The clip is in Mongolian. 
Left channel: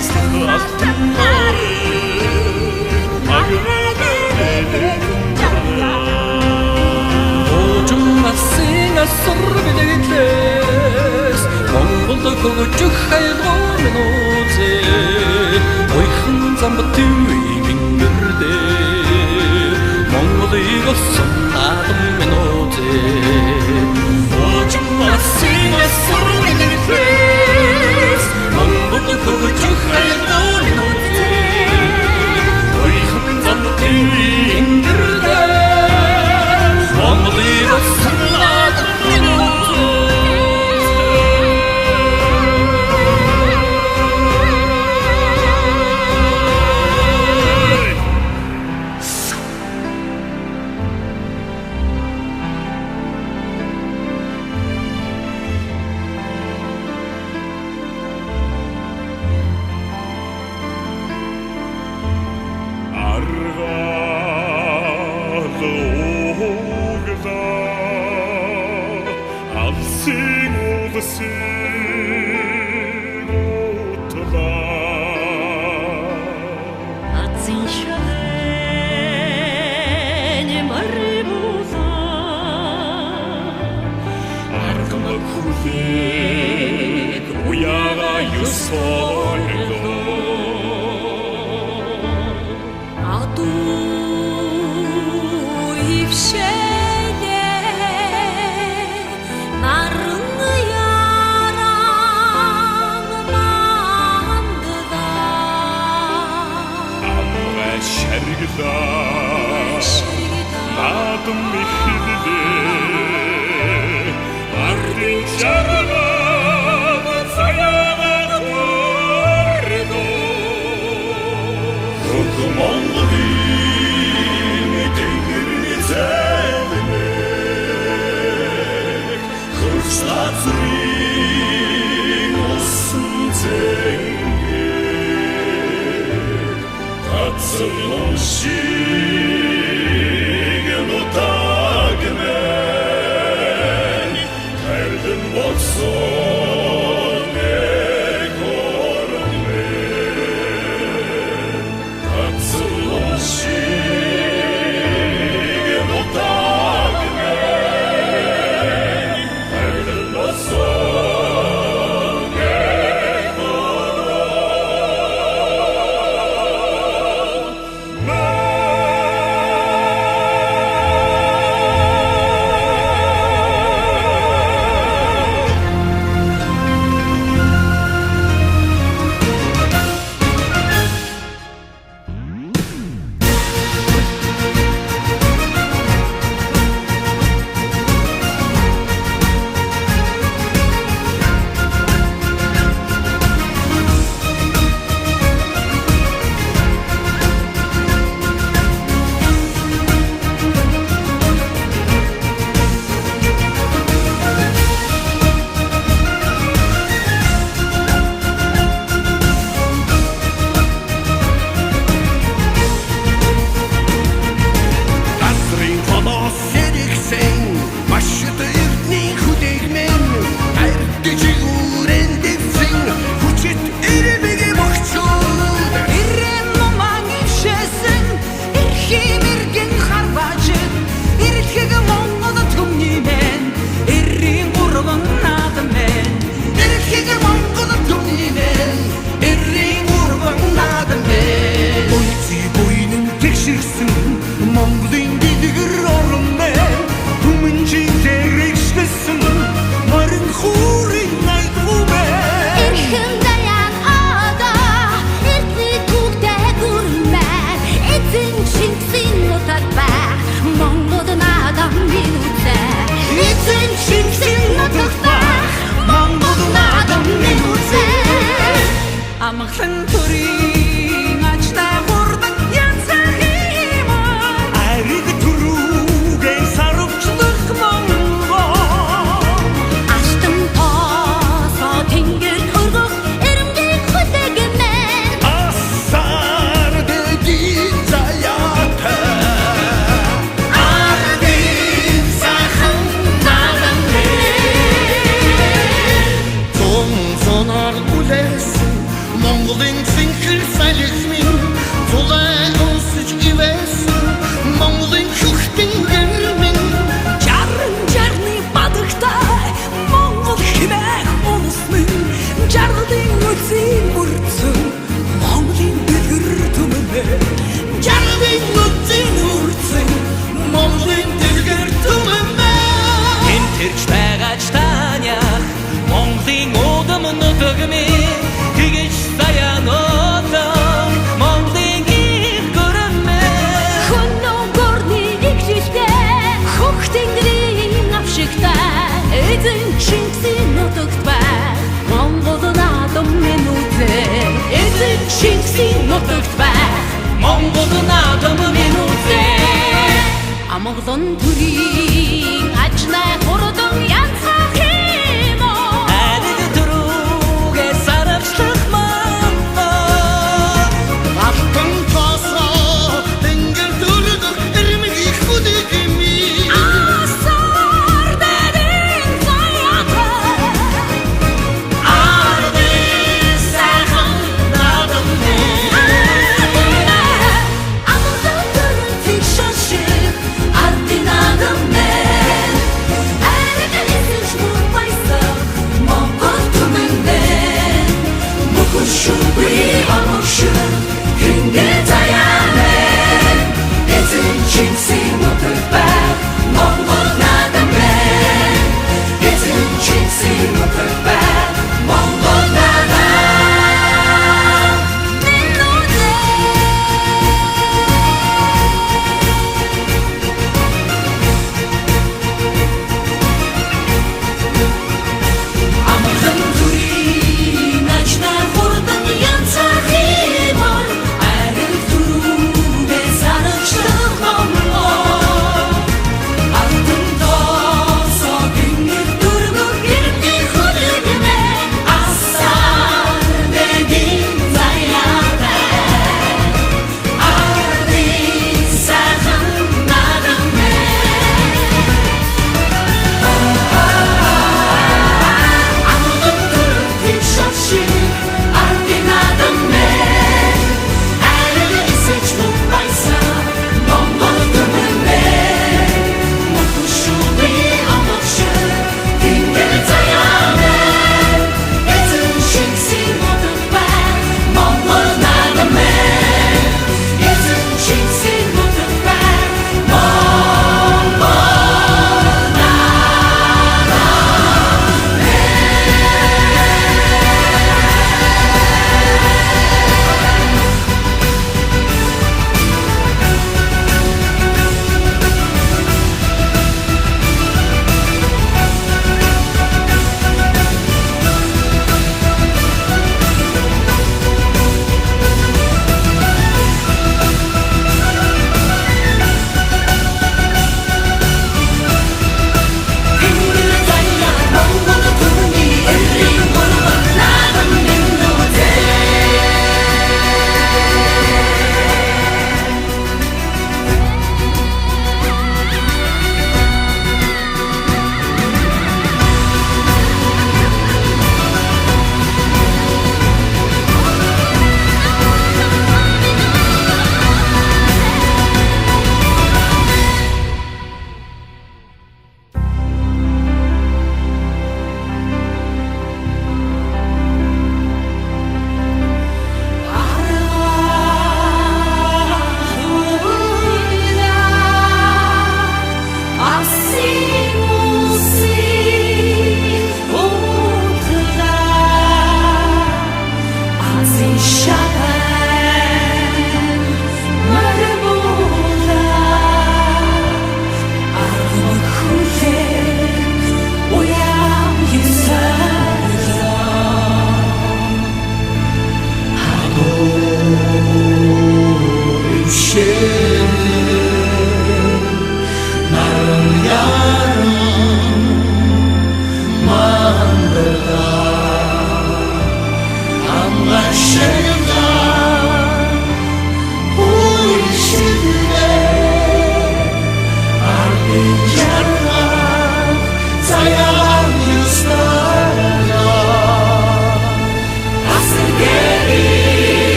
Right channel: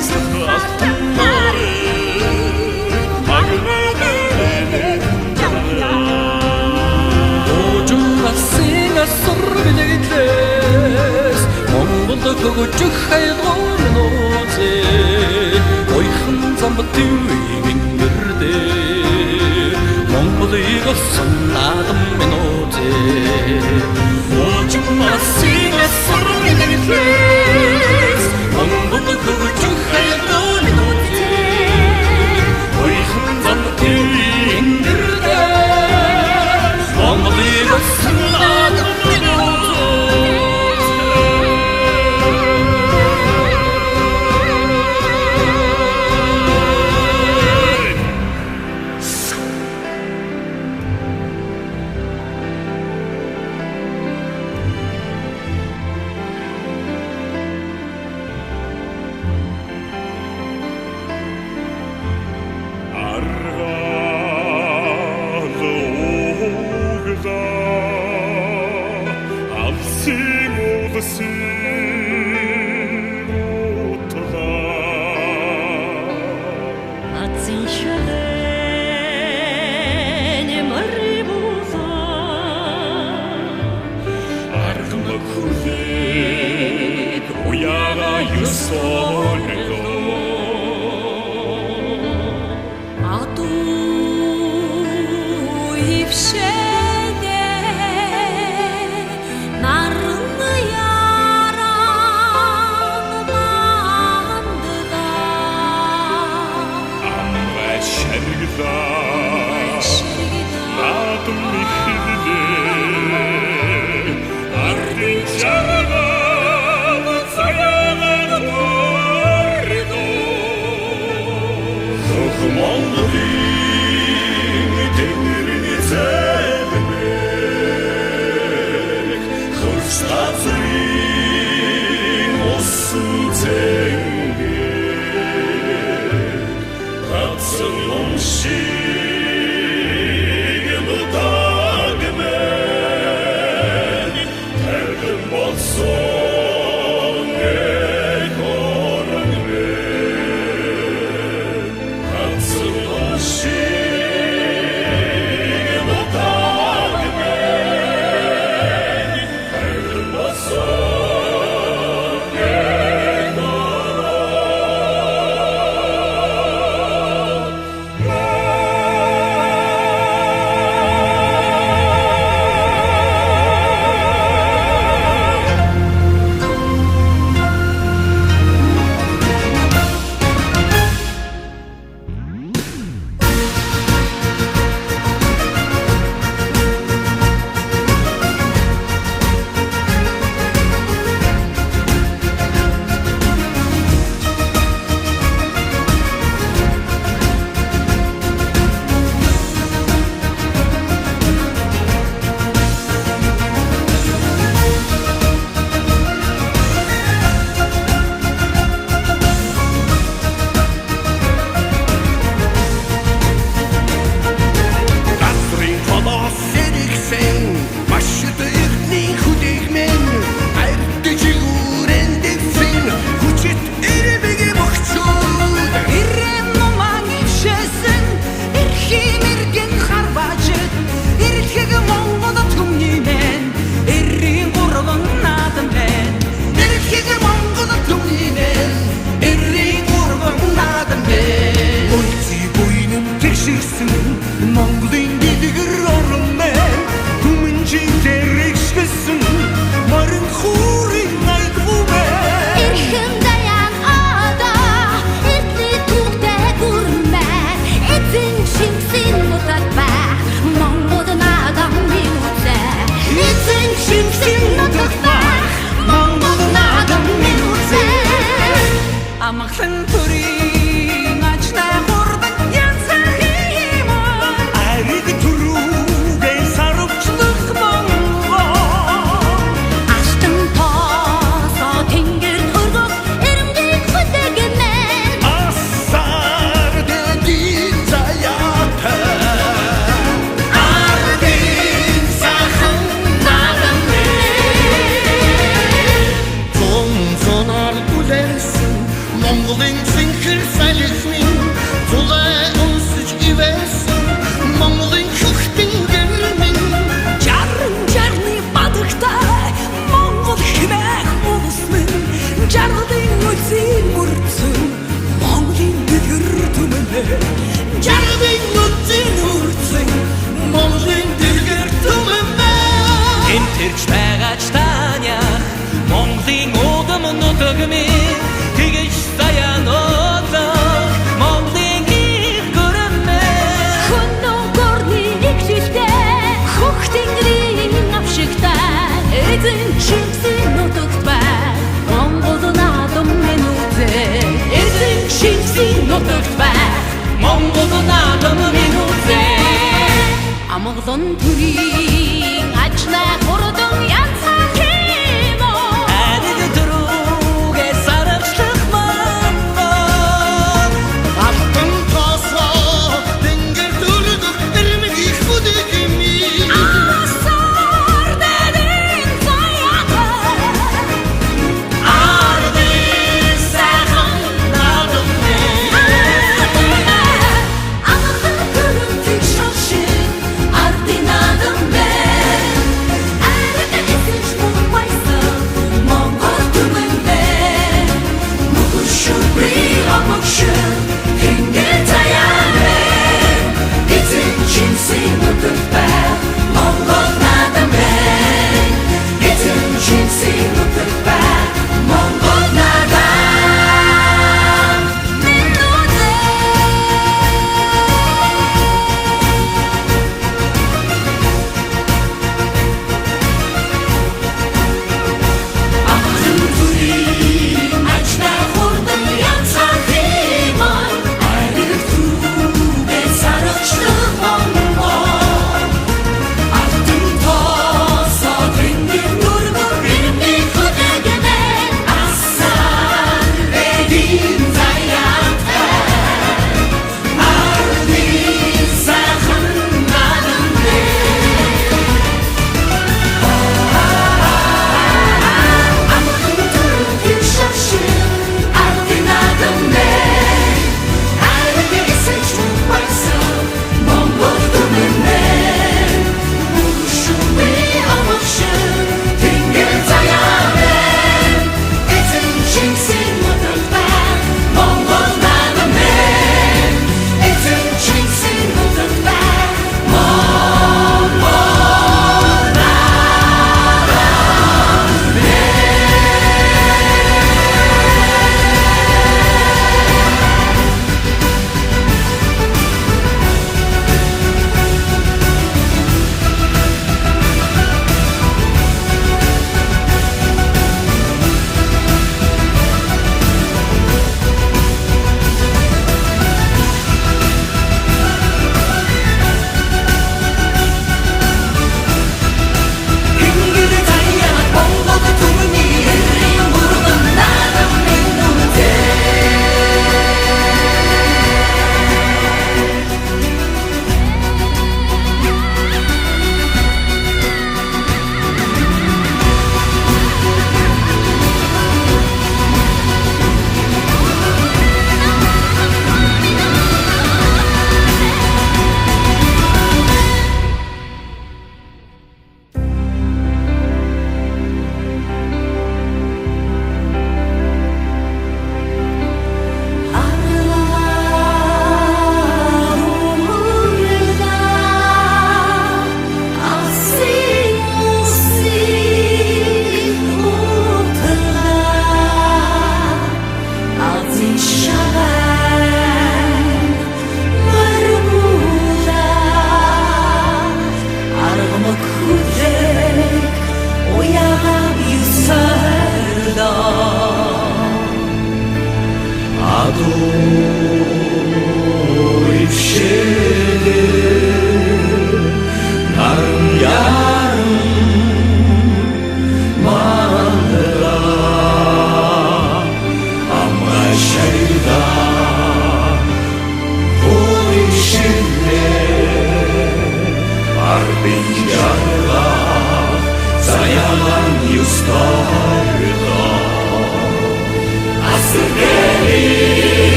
Sıkıntın narı Agına dönelim canına Ocunga singa sır bilekles Mongolda kogocuk haydomen oze Oykhın zambıtı ingirde Mongoliga sonnadım men oze Ocunga singa sır bilekles Mongolda kogocuk haydomen oze Oykhın zambıtı ingirde Mongoliga sonnadım men oze Argalı oğda Alsın olasın otla Atsin şadeni maribuza Argıma kulek Uyağa yusoldo Adu ifşeye narını yaranmandı da Amra şergda Nadım mihidli Ardın çargı Sayana tordo Ruhmanlı dini Tengrini sevmek Hırstatrin olsun tengik Katsın onşigen o dagmen Terdim olsun ekorun men Katsın onşigen o dagmen Terdim olsun ekorun Gastrin Khodos sediksen Başıda ürtnin hudegmen Erteci urendefsin Huçet erebege bakçud Irren numan ifşesin İrkim irgen harbacıt İrkegi mongoda tümnimen İrrin urgun nadımen Erkege mangoda tümnimen Errin urgan nadımen Oyti boynum teşirsin Mongolin gidigir orun ben Humunci terekşlesin Marın hurin aydvumen Irkım dayan ada İrtli tukte gurmen Etin çinksin mutatbah Mongodun adam minutse Etin çinksin mutatbah Mongodun adam minutse Amaqsın turin açna hurdan yansa himar Arid turugen sarıpçılık mongol Açtım tasa tengir urguk Erimgek hudegimen Asar dedin zayatı Ardin sakın nadım Son sonar ulesin Monголын зинхэр салхимын зулай өнсөж ивэсэн Монголын хөхтэн гэрмэн Жарын жарны бадагтай Монгол хэмээх улс минь Жаргалын үлзийн мөрцөн Монголын дэлгэр түмэнэ Жаргалын үлзийн мөрцөн Монголын дэлгэр түмэнэ Тэмтэрч байгаач таниах Монголын удам нутагмын тэгэж саянуудах Монголын их гүрэмээ Хөнөө горны игжилтэй хөх тэнгэрийн авшигтай эзэн Шингисийн нутагт байх Монгол наадам минь үзээ эзэн Шингисийн нутагт байх Монгол наадам минь үзээ Амгалан төрийн ажнай хурдан янцаа